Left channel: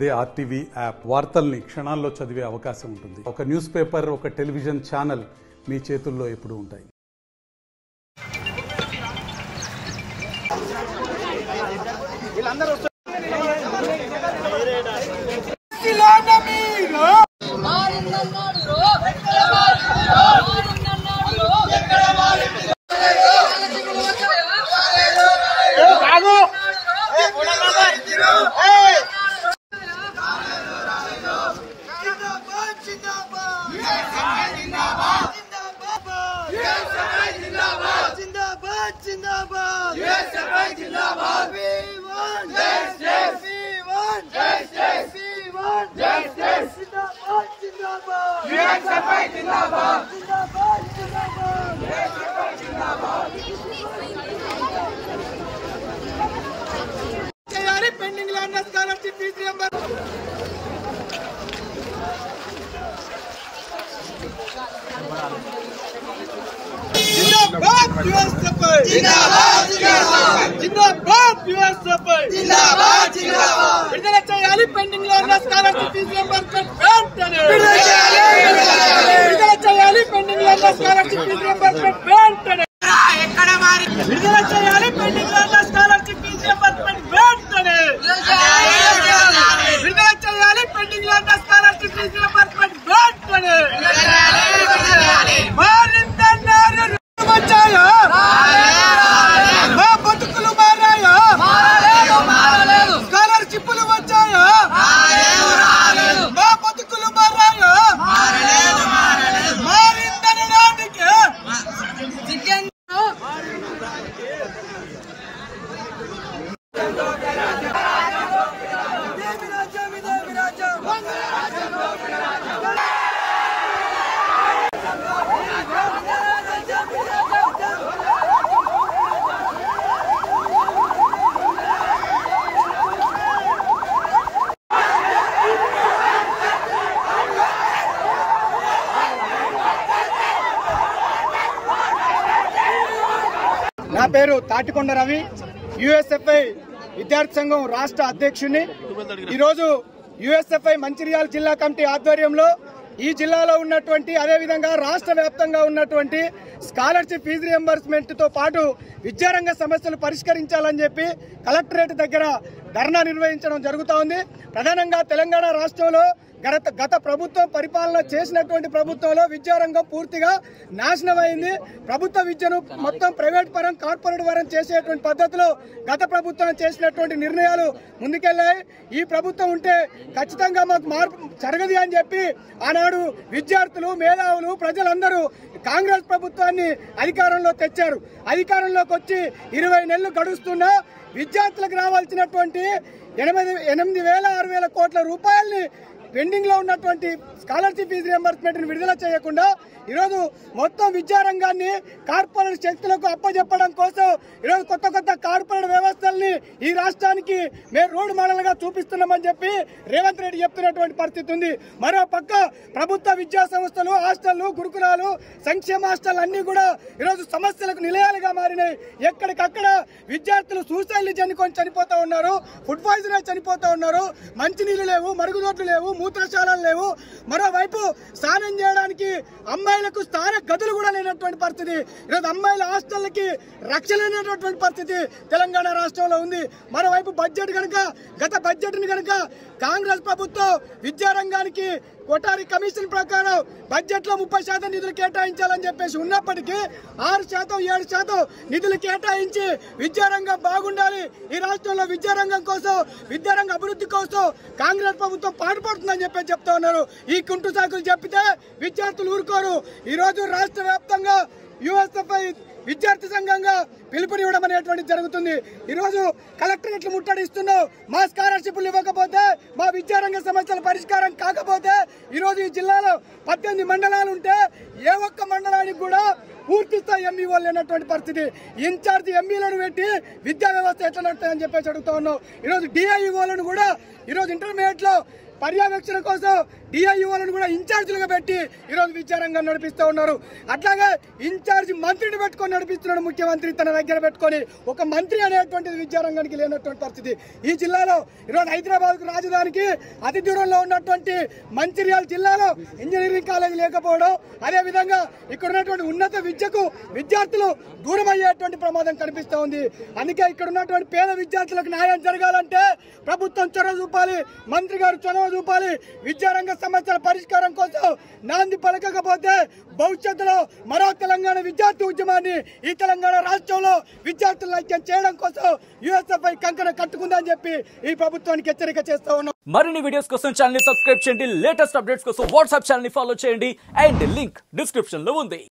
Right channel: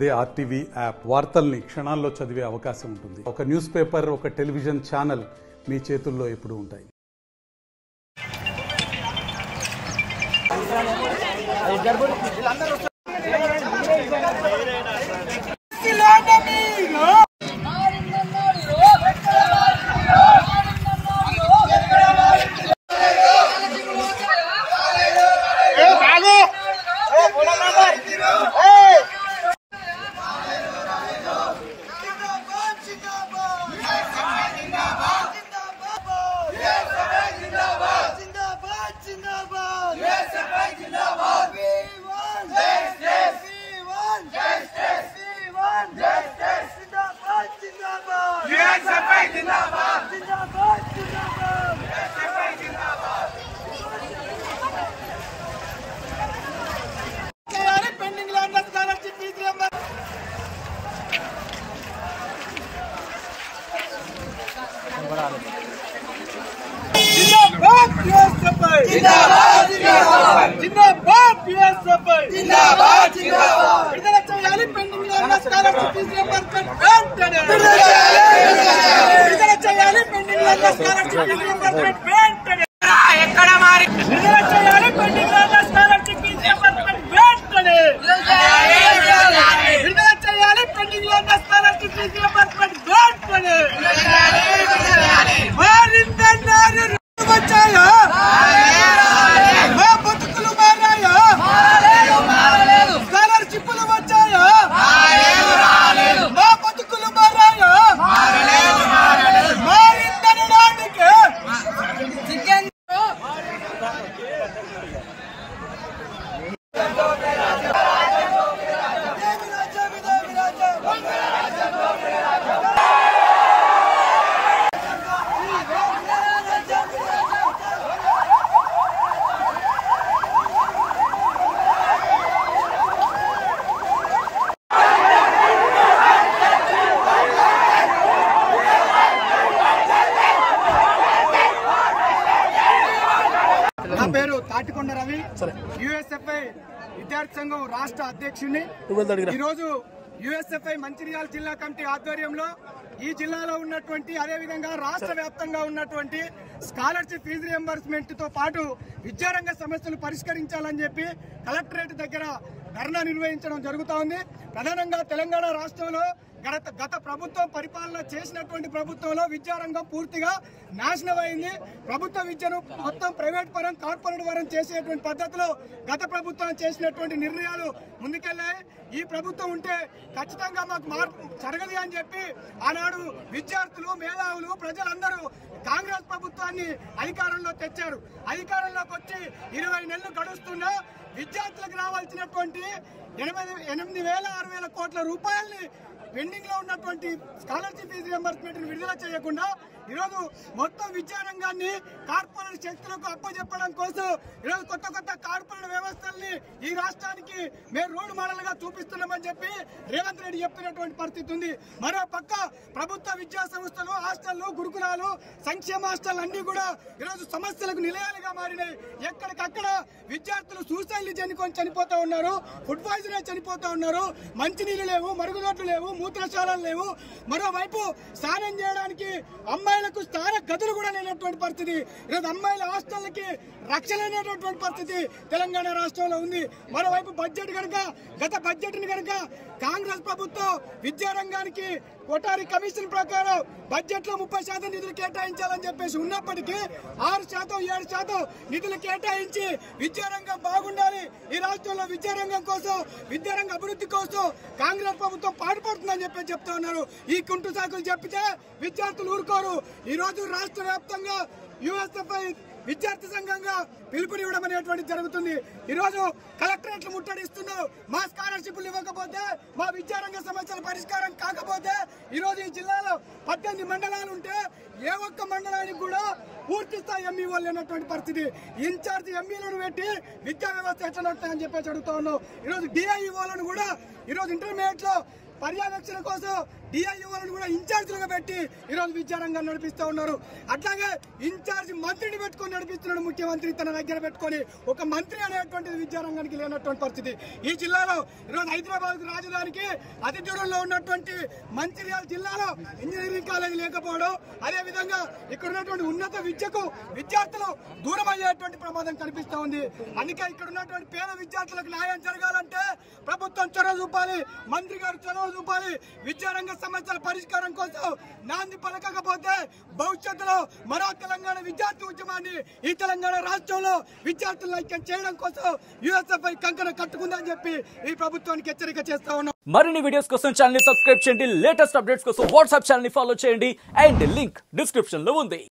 అదే RTV app వార్తల్ని క్షణాల్లో చదివే అవకాశం ఉంటుంది. ఒక న్యూస్ పేపర్, ఒక టెలివిజన్ ఛానల్ మీ చేతుల్లో ఎప్పుడూ ఉంటాయి. Pending land scholarship fees reimbursement విడుదల చేయాలి. Pending land scholarship fees reimbursement వెంటనే విడుదల చేయాలి. Pending land scholarship fees reimbursement వెంటనే విడుదల చేయాలి. Pending land scholarship fees reimbursement వెంటనే విడుదల చేయాలి. Pending land scholarship fees reimbursement వెంటనే బతుకులు మారాయా, స్కాలర్షిప్లు వచ్చాయా, మా బతుకులు మారాయా, మారిందనడానికి నా పేరు తాటికొండ రవి, యుఎస్ఎఫ్ఐ విద్యార్థి సంఘం రాష్ట్ర అధ్యక్షుడిని. ఈరోజు యుఎస్ఎఫ్ఐ మంచిర్యాల జిల్లా కమిటీ ఆధ్వర్యంలో ఈ జిల్లాలో ఉన్నటువంటి, అదేవిధంగా రాష్ట్ర వ్యాప్తంగా ఉన్నటువంటి స్కాలర్షిప్ ఫీజు రియంబర్స్మెంట్ తో పాటు విద్యారంగ సమస్యలు పరిష్కరించాలని చెప్పి కలెక్టరేట్ దగ్గర ధర్నా నిర్వహించడం జరుగుతూ ఉంది. ప్రధానంగా తెలంగాణ రాష్ట్రంలో గత ప్రభుత్వం పరిపాలన చేసినటువంటి ప్రభుత్వంలో విద్యారంగం పూర్తిగా నాశనం అయింది. ప్రభుత్వ విద్యను మొత్తం ప్రైవేట్ పరం, కార్పొరేట్ పరం చేసేటువంటి పద్ధతిలో గత ప్రభుత్వం చేసినటువంటి నిర్ణయాలు ముందుకెళ్లాయి. ఈ ప్రభుత్వం ఉంటే ఖచ్చితంగా మాకు మార్పు జరగదు అని చెప్పి ఆనాడు విద్యార్థులు, మేధావులు, ప్రజలందరూ కాంగ్రెస్ ప్రభుత్వాన్ని అధికారంలో తెచ్చారు. అధికారంలోకి వచ్చి 20 నెలలు గడుస్తున్నా విద్యార్థులకు రావాల్సినటువంటి 8,600 కోట్ల రూపాయల్ని పెండింగ్ లో ఉన్నటువంటి స్కాలర్షిప్ ఫీజు రియంబర్స్మెంట్ ని విడుదల చేయకుండా ఈరోజు మొత్తం విద్యారంగాన్ని కార్పొరేట్ శక్తులకు అప్పచెప్పడం కోసం ఈరోజు కొత్త కార్పొరేట్ వ్యవస్థల్ని ఈ రాష్ట్రానికి మేము రోడ్ మోడల్ గా చూపిస్తున్నామని చెప్పి రేవంత్ రెడ్డి చెప్తున్నటువంటి పరిస్థితి ఉంది. మరో పక్క ప్రభుత్వ విద్యా సంస్థలు, హాస్టళ్లు, గురుకులాలు, సంక్షేమ హాస్టల్ అన్ని కూడా ఈరోజు సమస్యలకు నిలయాలుగా మారినాయి. ఎక్కడికక్కడ విద్యార్థులు సూసైడ్లు చెందుకొని చనిపోతా ఉన్నారు, ఫుడ్ పాయిజన్ చనిపోతా ఉన్నారు. మంచినీళ్లు లేవు, మరుగుదొడ్లు లేవు, మూత్రశాలలు లేవు. మరోవైపు స్నానం చేయడానికి అమ్మాయిలకు స్థాన గదులు కూడా లేనటువంటి పరిస్థితి. ఈరోజు అమ్మాయిల హాస్టళ్లకి రక్షణ లేనటువంటి పరిస్థితి తెలంగాణ రాష్ట్రంలో ఉంది. మరోవైపు బడ్జెట్ కనుక, గత బడ్జెట్ ని కనుక కాంగ్రెస్ ప్రభుత్వం విద్యారంగానికి కొటారి కమిషన్ ప్రకారం బడ్జెట్ లో 30% నిధులు కేటాయించాలని చెప్పేసి ఉన్నప్పటికీ 6%, 7% నిధులు కేటాయించి విద్యారంగం బాగుండాలి, ఈ రాష్ట్రంలో విద్యారంగం కోసం, విద్యారంగ అభివృద్ధి కోసం కాంగ్రెస్ ప్రభుత్వం పాటుపడుతుందని చెప్పేసి చెప్తా ఉన్నారు. ఈ కుంటు సాకులు చెప్పితే విద్యార్థులు ఊరుకోరు. ఈ రోజు రాష్ట్ర వ్యాప్తంగా యుఎస్ఎఫ్ఐ విద్యార్థి సంఘంగా పిలుపునివ్వడం అనేటువంటిది జరుగుతుంది. ఈ రోజు కలెక్టరేట్లు ముట్టడిస్తున్నాం. మా స్కాలర్షిప్లు ఇవ్వకపోతే, మా విద్యారంగ సమస్యల పరిష్కారం కాకపోతే, ఈ రోజు ఈ జిల్లాలో 18 మండలాలు ఉంటే ఏ ఒక్క మండలానికి కూడా పూర్తి స్థాయి ఎంఈఓ లేనటువంటి పరిస్థితి. ఇన్ఛార్జి ఎంఈలను పెట్టి విద్యా వ్యవస్థ ఎట్లా నడుతుందని చెప్పేసి అడుగుతా ఉన్నాం. ఈరోజు డిఐఈఓలను కూడా ఈరోజు ఇంటర్మీడియట్ లో పర్యవేక్షణ కోసం డిఐఓలను కూడా ఇన్ఛార్జీలుగా పెట్టి ఈరోజు విద్యారంగాన్ని నడిపిస్తూ ఉన్నారు. అట్లాగే ఇన్ఛార్జి మంత్రిని పెట్టుకొని నడిపిస్తున్నాడు ముఖ్యమంత్రి తన దగ్గర పెట్టుకొని. ఒక మంత్రి అనేటువంటిది విద్యారంగానికి లేనటువంటి పరిస్థితి. ఈ జిల్లాలో ఈరోజు హైదరాబాద్ రాజధానికి అతి దూరంలో ఉన్నటువంటి మంచిర్యాల జిల్లాలో ఇంజనీరింగ్ కాలేజీ లేకపోవడం, అదే విధంగా ఇక్కడ ఉన్నటువంటి ఉన్నత విద్యకు విద్యార్థులు దూరం అయ్యేటువంటి ప్రమాదం కనిపిస్తూ ఉంది. అందుకే ఇక్కడ ఉన్నటువంటి పేద విద్యార్థులకు న్యాయం జరగాలంటే ప్రభుత్వం చొరవ చూపాలి, మంత్రి గారు చొరవ చూపాలి. విద్యారంగ సమస్యల పరిష్కారం కోసం నాంది పలకకపోతే భవిష్యత్తులో మరో తెలంగాణ విద్యార్థి ఉద్యమాన్ని ఈ తెలంగాణ రాష్ట్రంలో విద్యార్థులను ఐక్యం చేయడం కోసం యుఎస్ఎఫ్ఐ కంకణ కట్టుకుందని చెప్పి ఈ ప్రభుత్వానికి హెచ్చరిక చేస్తా ఉన్నాం. మరిన్ని వీడియోస్ కోసం ఛానల్ ని సబ్స్క్రైబ్ చేయండి, లేటెస్ట్ అప్డేట్స్ కోసం వాట్సాప్ ఛానల్ ని ఫాలో చేయండి అండ్ లింక్ డిస్క్రిప్షన్ లో ఉంది.